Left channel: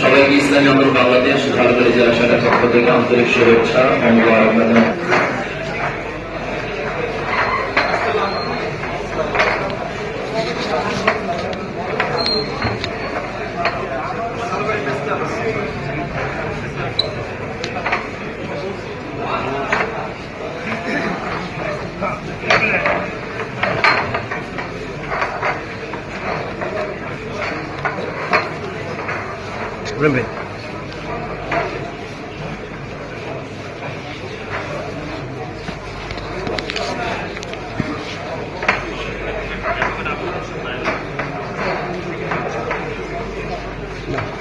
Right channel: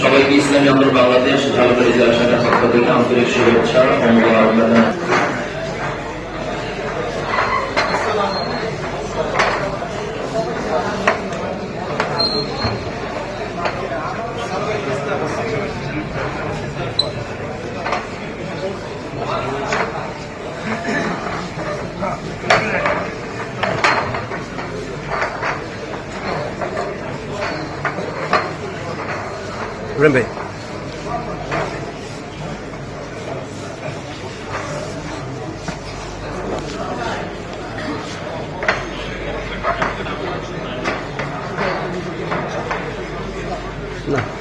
সবাইকে ইসলামী আন্দোলন বাংলাদেশ ঝালকাড়ি জেলা শাখার পক্ষ থেকে আন্তরিক শুভেচ্ছা ও মোবারকবাদ 认呗。来。